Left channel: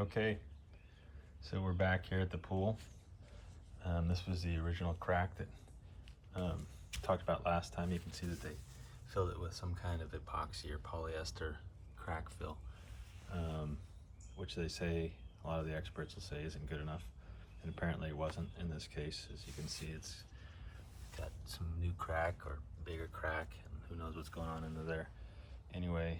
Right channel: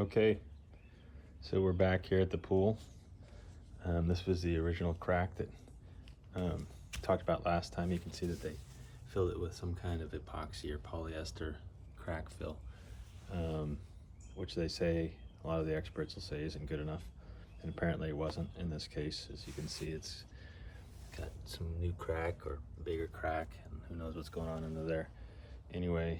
Okay, so we're back here at the pool. This was the original crack that um, talked about last time. You can see that they filled it with some kind of epoxy or polyester crack fill, which they say, a lot of the experts will say isn't good enough. And apparently it wasn't in this case. As you can see, it's got some new crack or bigger crack, and who knows what's going on under there. Anyway,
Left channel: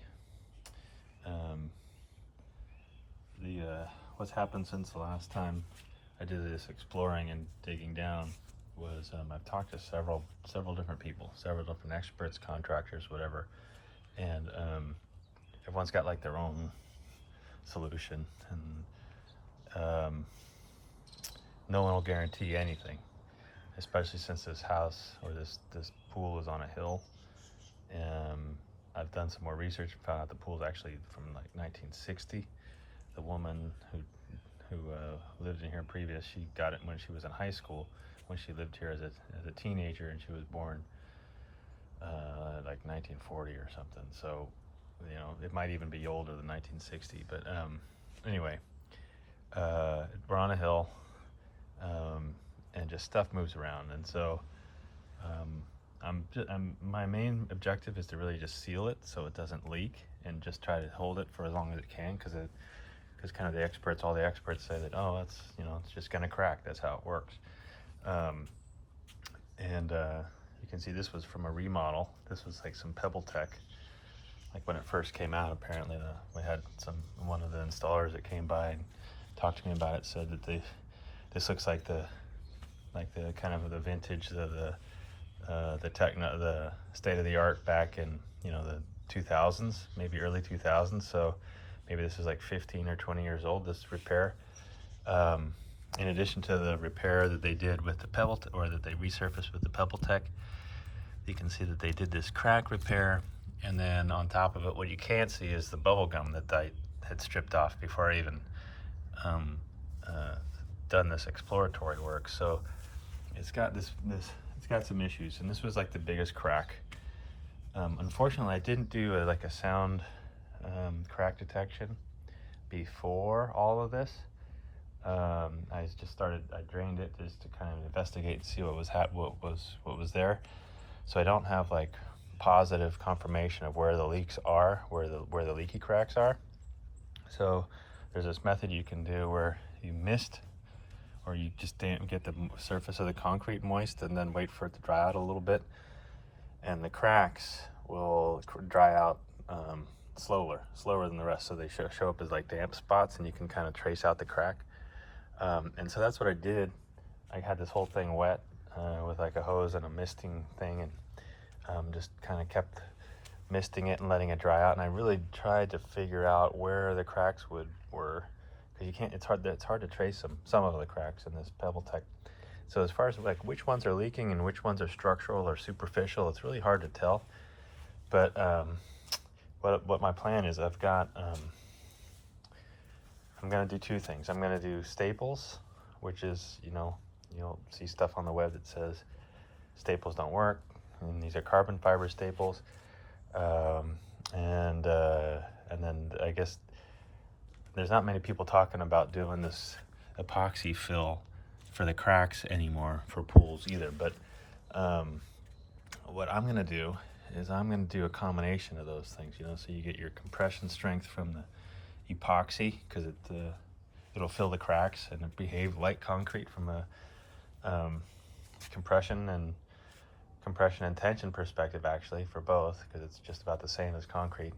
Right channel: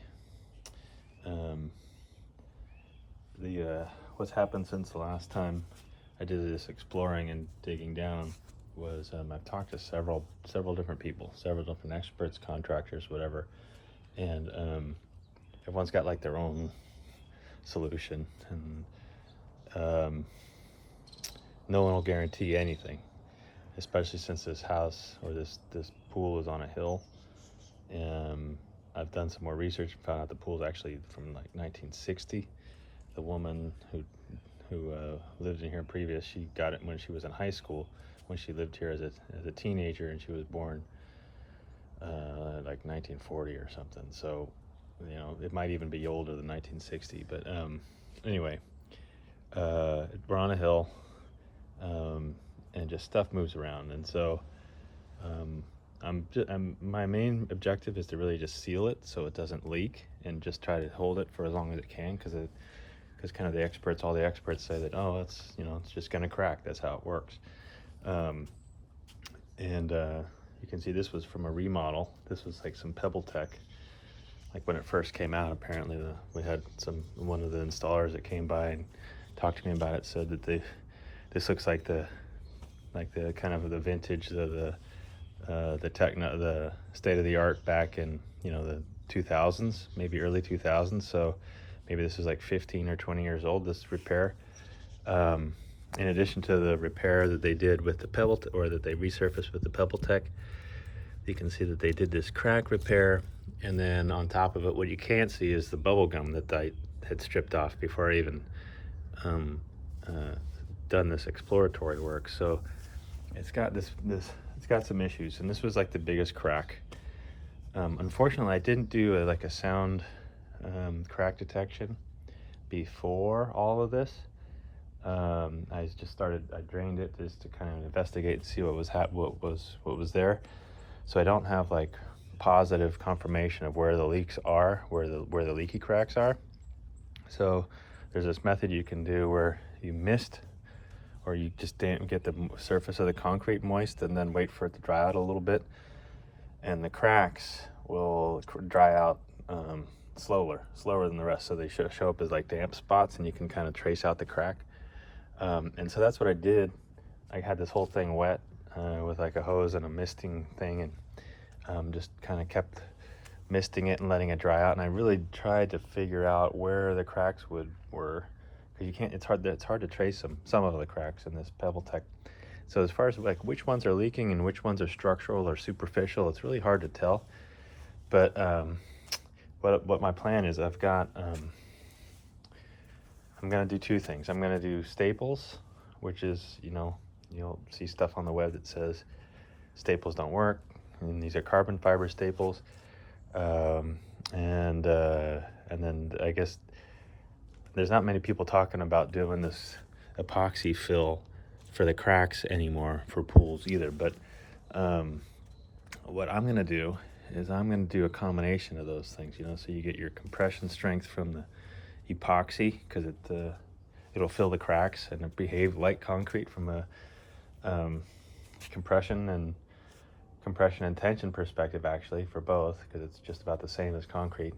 what's happened since the last time I did this exploring and digging down was I've talked to several different people, several different experts, contractors, whatever, and everyone's got like their own solution, and no one will guarantee anything, especially since this house or this pool is on a hill. And I've done some more research and found out the pool's actually from like 1960. The woman who lived in here previous, she got it when she was in high school, when she lived here as a teenager, and she was born like 1940 or something. So, you know, it might even be older than 1960. But anyway, we're on a hill, and just stuff moves around, and so my main objective is to really just seal it so it doesn't leak, and just try to hold it for as long as it can, because kind of all the experts say that, oh, that's, you know, it's just gonna crack, that's how it works. And you can see this was from a remodel. This was like some Pebble Tech, like when it first came out. Apparently we had one of the installers that came by and talked to me about it, said that this looks like the kind of the vintage, the state of the art back in, you know, the 2000s, maybe early 2000s. So maybe this is like 15 or 20 years old, this repair. In addition to the repair that they did with the or that they resurfaced with the Pebble Tech, you can see that they did this crack repair, and then on top of it, what you can't see is the bubble gum that I had stripped off before I even done this exploratory work. So it's got it's got some issues, and this was like the biggest crack. Unfortunately, I didn't do like a sound crack detection before all of this. I just I drained it just to kind of investigate and see what was there. So I don't have like positive confirmation of where the leaks are, where the leaky cracks are. So there's this method you can do where you mist, or you just get the surface of the concrete moist and then wait for it to dry out a little bit, and the cracks will dry out slower than the rest, so they show up as like damp spots, and you can kind of trace out the crack. And so that's what I did. I had this whole thing wet with like a hose and a misting thing, and just kind of kept misting it and letting it dry out. And I really tried to figure out where the cracks were. You can't. It's hard to trace some of the cracks in this Pebble Tech. So as far as like which ones are leaking and which ones are structural or superficial, it's really hard to tell. But what my plan is, I've got. I'm gonna do two things. I'm gonna do staples, which is, you know, you'll see stuff on the web that says staples don't work, and these are carbon fiber staples. And then I guess there's not many people talking about doing this epoxy fill for the cracks anymore for pools either. But what I'm gonna do is I'm gonna do a combination of those things, you know, so you get your compression strength from the epoxy, because it'll fill the cracks and it behave like concrete from a compression and tension perspective, actually, for both, because it's just about the same as concrete.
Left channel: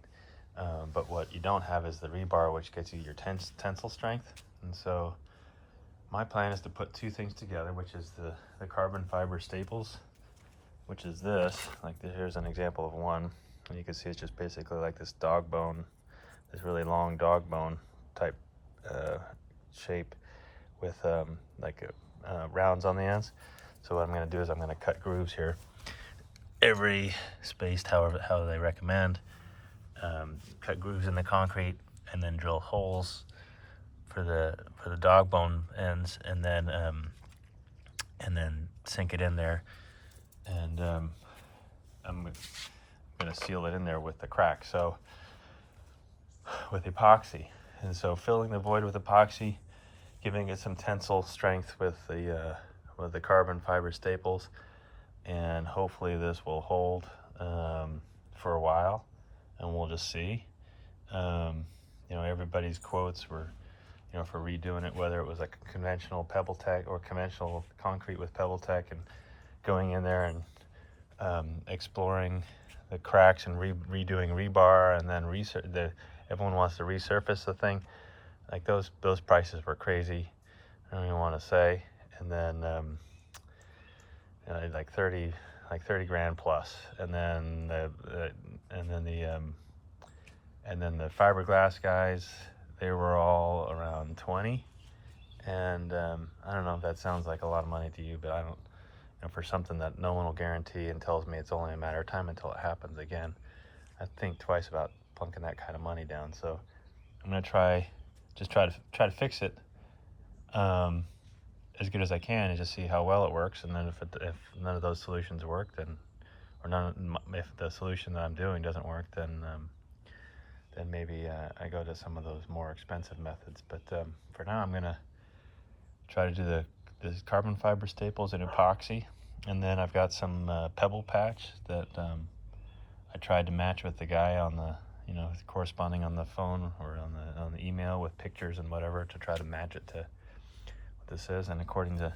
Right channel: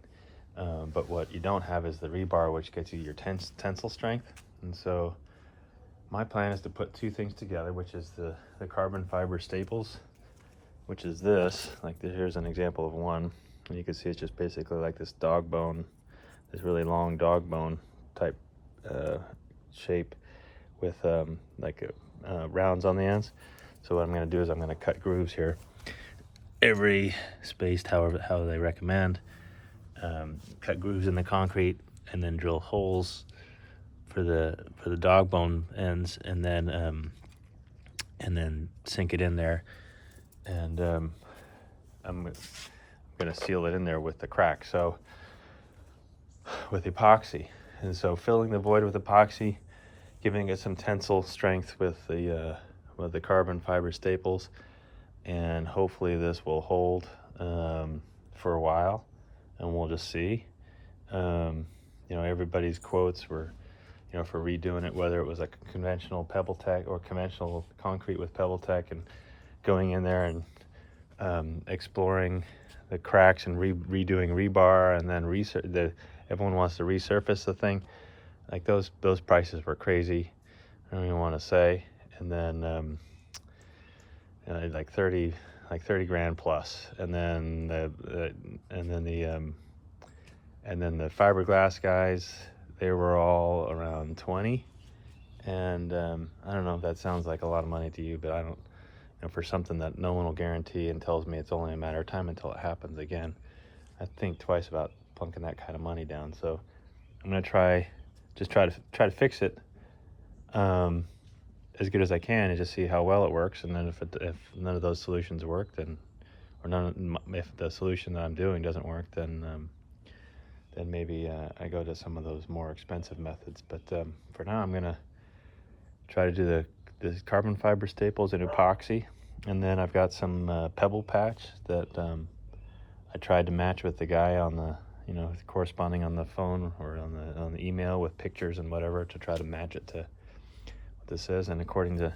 But what you don't have is the rebar, which gets you your tensile strength. And so my plan is to put two things together, which is the carbon fiber staples, which is this. Like here's an example of one, and you can see it's just basically like this dog bone, this really long dog bone type shape with rounds on the ends. So what I'm going to do is I'm going to cut grooves here, every spaced how they recommend. Cut grooves in the concrete, and then drill holes for the dog bone ends, and then sink it in there, and I'm going to seal it in there with the crack. So with epoxy, And so filling the void with epoxy, giving it some tensile strength with the carbon fiber staples, and hopefully this will hold for a while, and we'll just see. You know, everybody's quotes were, you know, for redoing it, whether it was like conventional pebble tech or conventional concrete with pebble tech, and going in there and exploring the cracks and redoing rebar, and then everyone wants to resurface the thing. Like those prices were crazy. I don't even want to say. And then like 30 grand plus, and then the fiberglass guys, they were all around 20. And I don't know if that sounds like a lot of money to you, but I don't. And for something that no one will guarantee and tells me it's only a matter of time until it happens again, I think twice about plunking that kind of money down. So I'm gonna try to fix it as good as I can, and just see how well it works. And then if none of those solutions work, then if the solution that I'm doing doesn't work, then maybe I go to some of those more expensive methods. But for now, I'm gonna try to do the carbon fiber staples and epoxy, and then I've got some pebble patch that I tried to match with the guy on the, you know, corresponding on the phone or on the email with pictures and whatever, to try to match it to what this says. And according to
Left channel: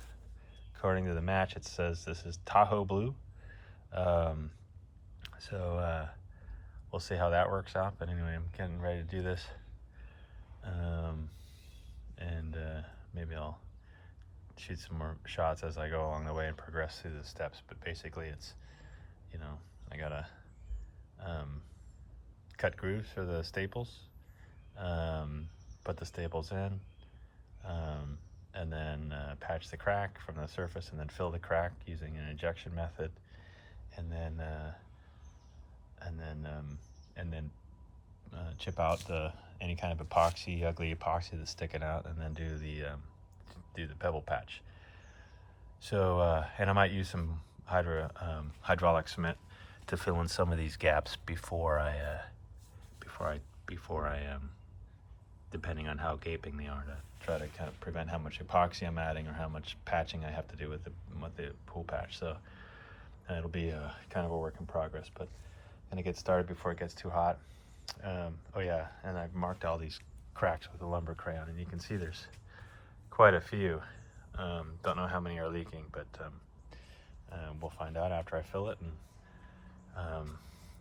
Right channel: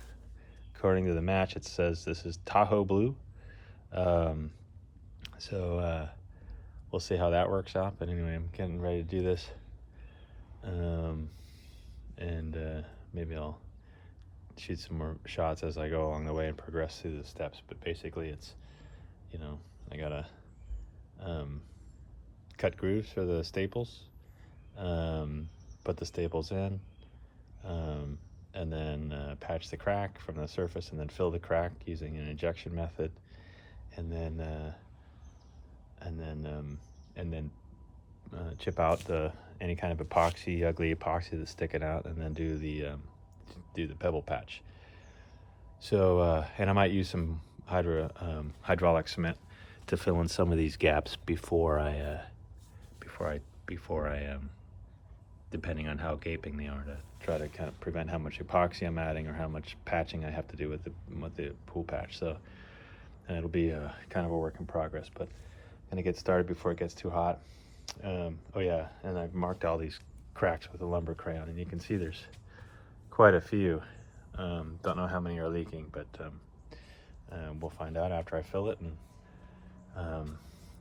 the match, it says this is Tahoe blue. So we'll see how that works out. But anyway, I'm getting ready to do this, and maybe I'll shoot some more shots as I go along the way and progress through the steps. But basically, it's, you know, I gotta cut grooves for the staples, put the staples in, and then patch the crack from the surface, and then fill the crack using an injection method, and then chip out any kind of epoxy, ugly epoxy that's sticking out, and then do the pebble patch. So and I might use some hydraulic cement to fill in some of these gaps before I depending on how gaping they are, to try to kind of prevent how much epoxy I'm adding or how much patching I have to do with the pool patch. So it'll be kind of a work in progress, but I'm gonna get started before it gets too hot. Oh yeah, and I've marked all these cracks with a lumber crayon, and you can see there's quite a few. Don't know how many are leaking, but we'll find out after I fill it. And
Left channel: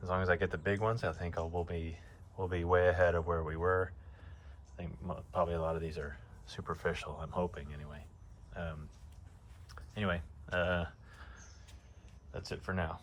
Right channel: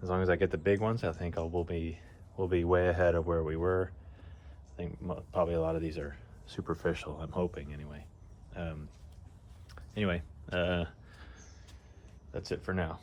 as long as I get the big ones, I think we'll be way ahead of where we were. I think probably a lot of these are superficial, I'm hoping anyway. That's it for now.